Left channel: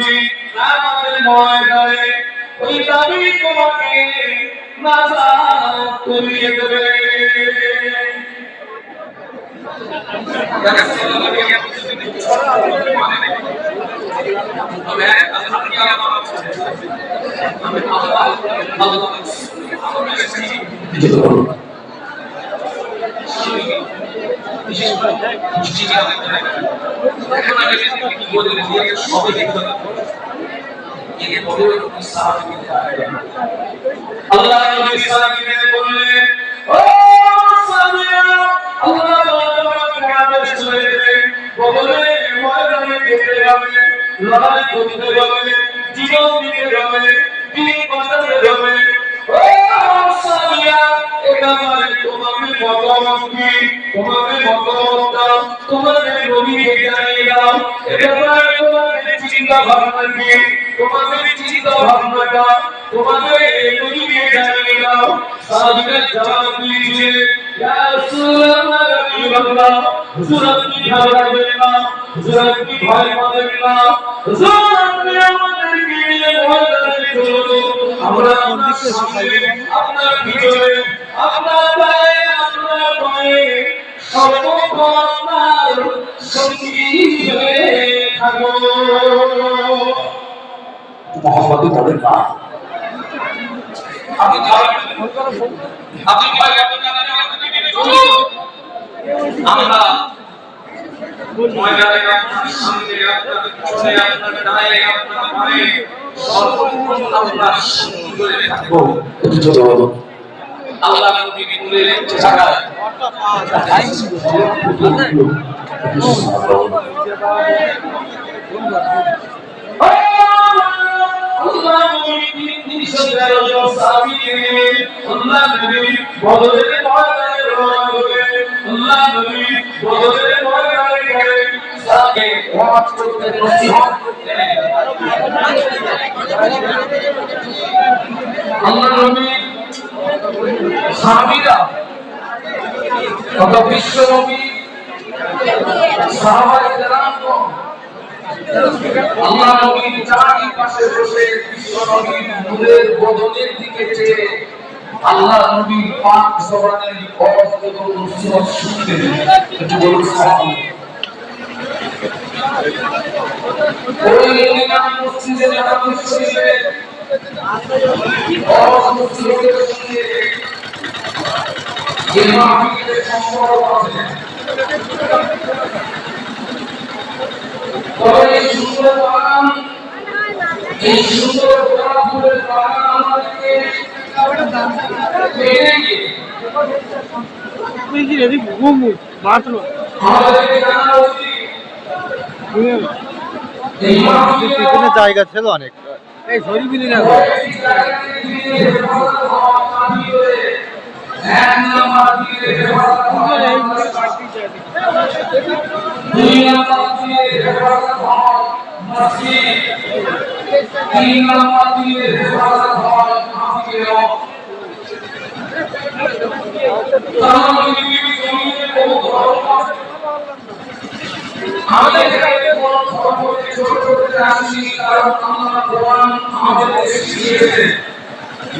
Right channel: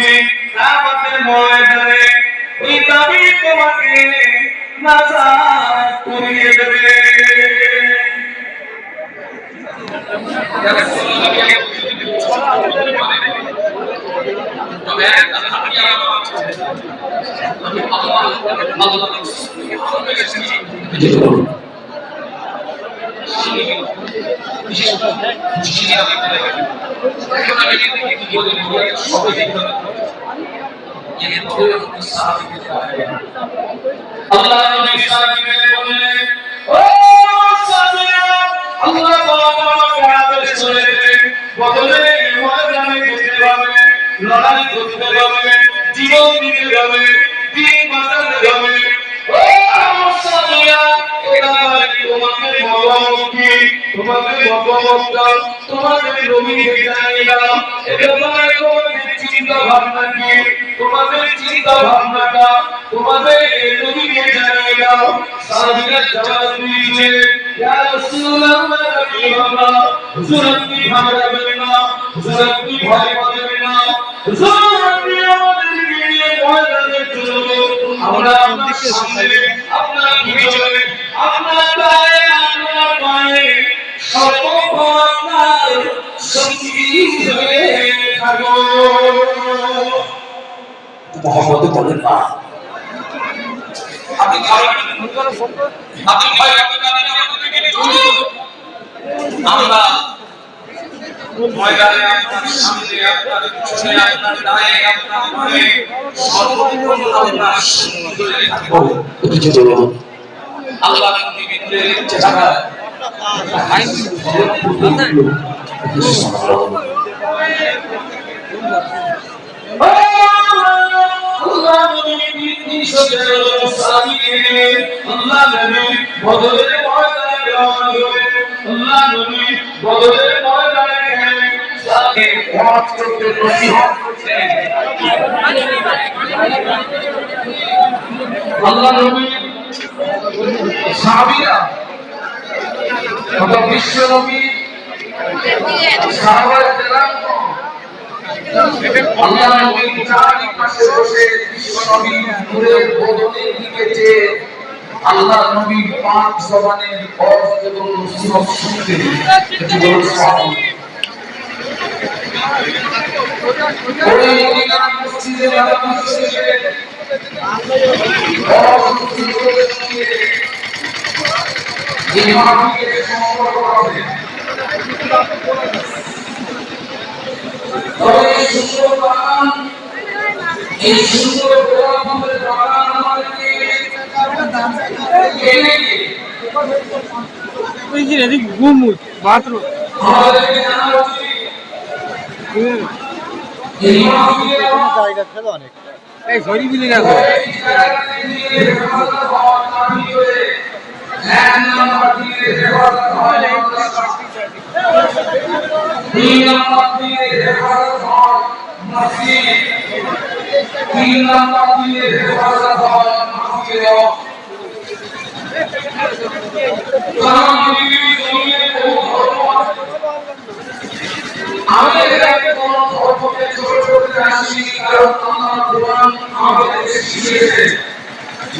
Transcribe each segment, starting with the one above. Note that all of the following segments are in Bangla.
করছি কিয়ামতের ময়দানে ওই নবী তোমাকে নাজাত করিয়ে দেবে। আল্লাহ নবী সাল্লাল্লাহু আলাইহি ও সাহাবীরা, আল্লাহ তোমাকে আদেশ করে দিলেন বদলে ময়দানে যেতে হবে, লড়াই করতে হবে, জীবন দিতে হবে, দিন বাঁচাতে হবে। ও সাহাবীরা, এটা তোমাকে মতামত কি, তোমাকে মতামত তোমাদের নবীকে জানিয়ে দাও, এটা তোমাদের চিন্তা ভাবনা কি, তোমাদের চিন্তা ভাবনাটা তোমাদের নবীকে জানিয়ে দাও। সাহাবীরা জবাব দিয়েছে, ইয়া রাসূলুল্লাহ, রাসূলুল্লাহ, হুজুর আপনি ঘাবড়াবেন না, হুজুর আপনি ভয় পাবেন না, হুজুর আপনি আমাদেরকে নিয়ে ময়দানে চলুন, আমরা আপনার ভিতরে আপনার পায়ে সর্বক্ষণ আপনার সঙ্গী হয়ে থাকবো। মোহাম্মদ বলেন না, আপনি আমরা ময়দানে আপনার সামনে, আপনার পিছনে, আপনার ডায়ে, আপনার বামে সর্বক্ষণ আপনার সঙ্গী হয়ে থাকবো। আল্লাহ নবীকে বলে যারা আল্লাহ নবী আল্লাহ নবী বদরের ময়দানে রওনা হলেন। আল্লাহ নবী বদরের ময়দানে গেলেন, তাকে ওয়াজ করতে, নসিহত করতে। আল্লাহ নবী সাহাবীরা বিশ্ব নবী সাহাবায়ে কেরাম আল্লাহ নবীর চারপাশে বসে বিশ্ব নবীর নূরের বদনের দিকে চেয়ে আল্লাহ নবীর পাক জবানের ওয়াজ এবং নসিহত শুনতে একটু বলুন সুবহানাল্লাহ। ওই মদিনা মসজিদে নববী শরীফে ওয়াজ নসিহতের সঙ্গে যে মাহফিলের সম্পর্ক আছে, তবে এই সুন্দর বাগান, এই সুন্দর গোলাপ ফুলের বাগান আমাদেরকে জায়গা ছিল অনেক, এই শরীফিলি না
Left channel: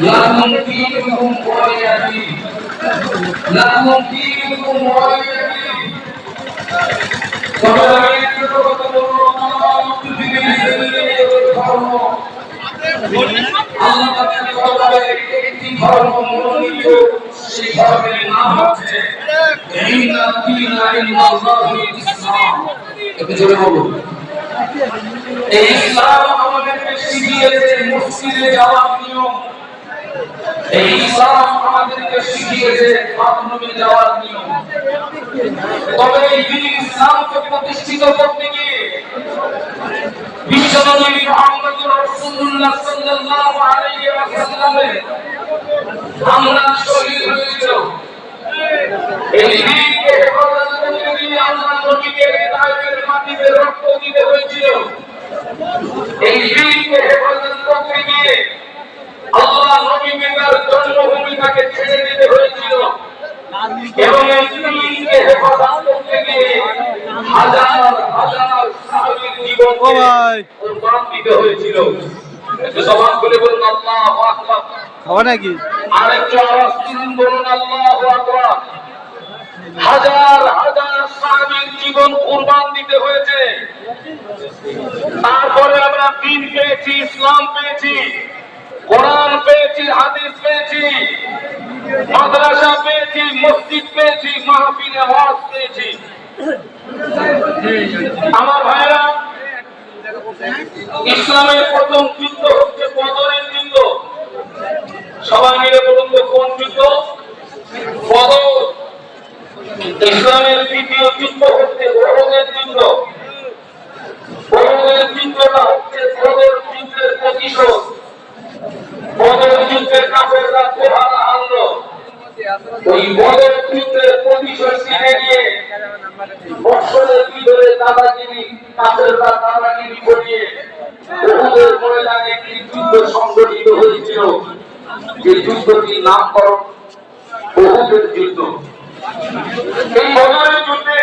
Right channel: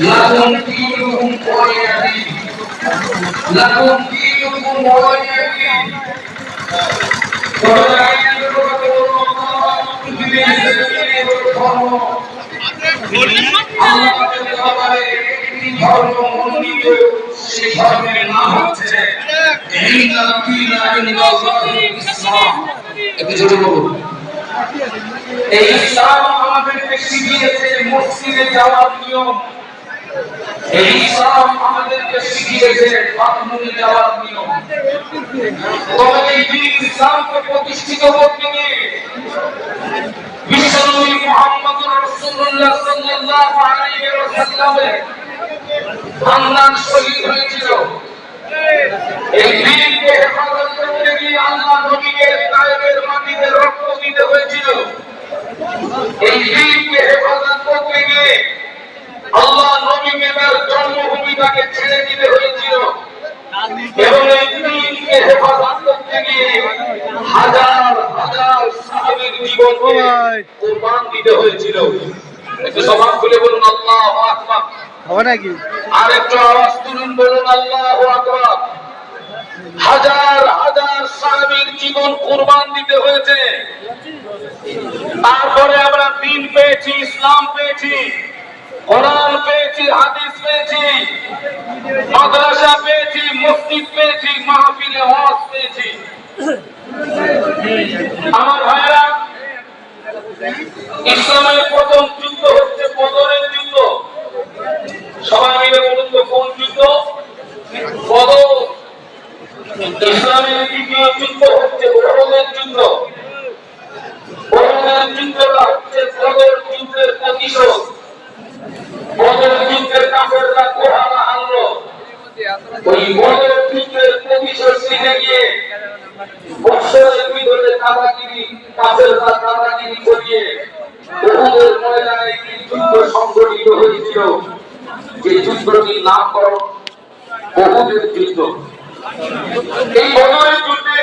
লাকুম দীনুকুম ওয়ালিয়া দীন, লাকুম দীনুকুম ওয়ালিয়া দীন। তবে আমি একটা কথা বলবো, পৃথিবীর জমিনে ধর্ম আল্লাহ তাআলা বলে একটি ধর্ম মনোনীত, সেই ধর্মের নাম হচ্ছে ইন্না দীনা ইনদাল্লাহিল ইসলাম। একটু জোরে বলুন। এই ইসলাম আমাদেরকে শিখিয়েছে মসজিদে যাওয়ার নিয়ম, এই ইসলাম আমাদেরকে শিখিয়েছে বাথরুমে যাওয়ার নিয়ম। তবে এই দিন ইসলামকে প্রতিষ্ঠিত করতে গিয়ে বিশ্বনবী মুহাম্মদুর রাসূলুল্লাহ সাল্লাল্লাহু আলাইহি ওয়াসাল্লামের আমরান শহীদ হয়েছিল। এই দিনকে হেফাজত করতে গিয়ে আল্লাহ নবীকে তায়েফের মাটিতে রক্ত দিতে হয়েছিল। এই দিনকে হেফাজত করতে গিয়ে আল্লাহ নবীকে তার জন্মভূমিটাকে ছেড়ে দিতে হয়েছিল। এবং এই দিনকে হেফাজত করতে গিয়ে হাজার হাজার সাহাবীর জীবন ও ভাই কুরবান দিতে হয়েছিল। একটু জবান খুলে বলুন আল্লাহু আকবার। খাওয়া নাকি? আর একটু আওয়াজ তুলুন, বলুন আল্লাহু আকবার। হাজার হাজার সাহাবীর জীবন কুরবান দিতে হয়েছে। তারপরে আমরা দ্বীন পেয়েছি, ইসলাম পেয়েছি, কোরআন পেয়েছি, হাদিস পেয়েছি, মাদ্রাসা পেয়েছি, মসজিদ পেয়েছি, মাহফিলে ওয়াজ পেয়েছি। আমার ভাইরা, ইসলামের প্রথম যুদ্ধ হচ্ছে বদরের যুদ্ধ। সবাই মিলে বলুন তো কোন যুদ্ধ? বদর। ইসলামের দ্বিতীয় যুদ্ধ হচ্ছে উহুদের যুদ্ধ। উহুদের যুদ্ধটা হচ্ছে বদর যুদ্ধের প্রতিশোধ। বদর যুদ্ধের কাফেররা কোহানা আনলো, ওই বদর যুদ্ধের প্রতিশোধ নিতে গিয়ে বৎসরের ভিতরে দাদাগিরি, কাফেররা দাদাগিরি করিয়ে উহুদের ময়দানে একটি যুদ্ধ সংগঠিত হয়েছিল, যে যুদ্ধটির নামকরণ উহুদের যুদ্ধ। এই বদরের যুদ্ধে